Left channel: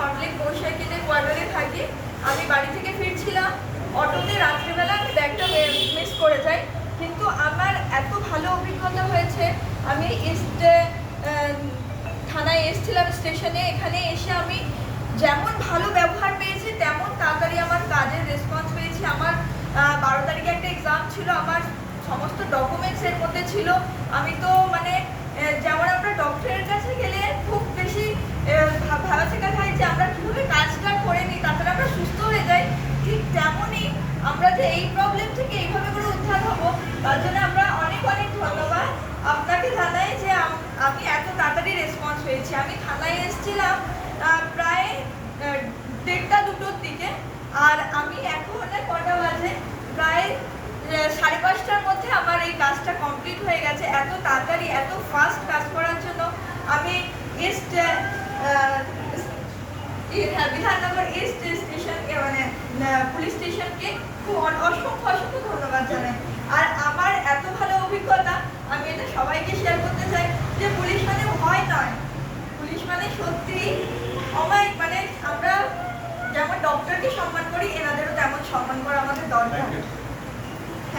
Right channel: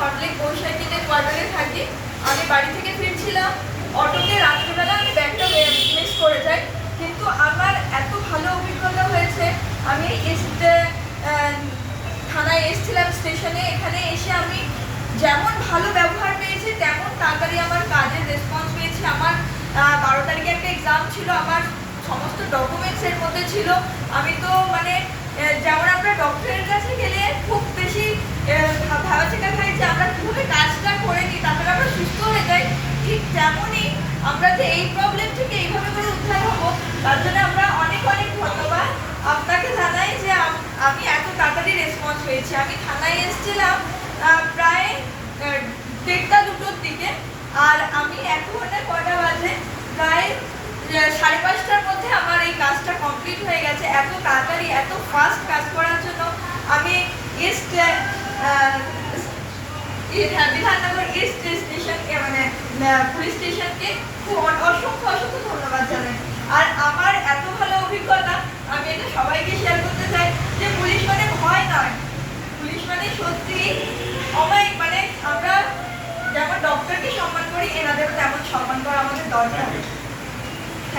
সল্টলেক বৈশাখীতে কোয়ার্টারে থাকি। আমি বাড়ি থেকে ফিরছিলাম, অটোতে রাত্রিবেলা আমি ব্যাগটা মিস করে যাই। কিন্তু আমার এত ভালো অভিজ্ঞতা হয়েছে, আমি থানায় এসেছিলাম স্টেশনে, এখানে এসে আমি যেমন ভালো ব্যবহার পেয়েছি তেমন তাড়াতাড়ি আমার কাজের রেসপন্স পেয়েছি। আমার 12 তারিখে একটা এক্সাম ছিল, আমার সমস্ত ডকুমেন্টস এর মধ্যে ছিল। আমি তো মানে যেমন আমরা ডক্টরের কাছে গেলে খুব বেশি ভাবা চেকা খাই যে আমরা কীভাবে কাজটা করে নিই তারপরে আমরা সুস্থ হয়ে যাই, ঠিক তেমনই আমরা যে এই প্রবলেম থেকে এইভাবে করে উদ্ধার হবো তার জন্য আমরা অনেক অনেক ধন্যবাদ আপনাকে জানাই যে আমি এত তাড়াতাড়ি রেসপন্স পেয়েছি। আমি থানায় এসেছিলাম প্রায় 1:30-2টোর দিকে, আর আমি এখন কটা বাজে প্রায় 5:30টার মধ্যে আমার এই কাজটা কমপ্লিট হয়ে গেছে। এত তাড়াতাড়ি এত ফাস্ট কাজ করার জন্য আমি বিধাননগর ইস্ট স্টেশনকে মানে পুলিশ স্টেশনকে খুব অসংখ্য অসংখ্য ধন্যবাদ জানাই। আর আমার এত ভালো অভিজ্ঞতা আমি এটা সবাইকে শেয়ার করতে চাই যে পুলিশ মানে ভয় নয়, পুলিশ মানে সত্যি অমায়িক। মানে আমরা যেমন ডক্টরকে সম্মান করি এনাদেরও তেমন সম্মান করা আমাদের দরকার।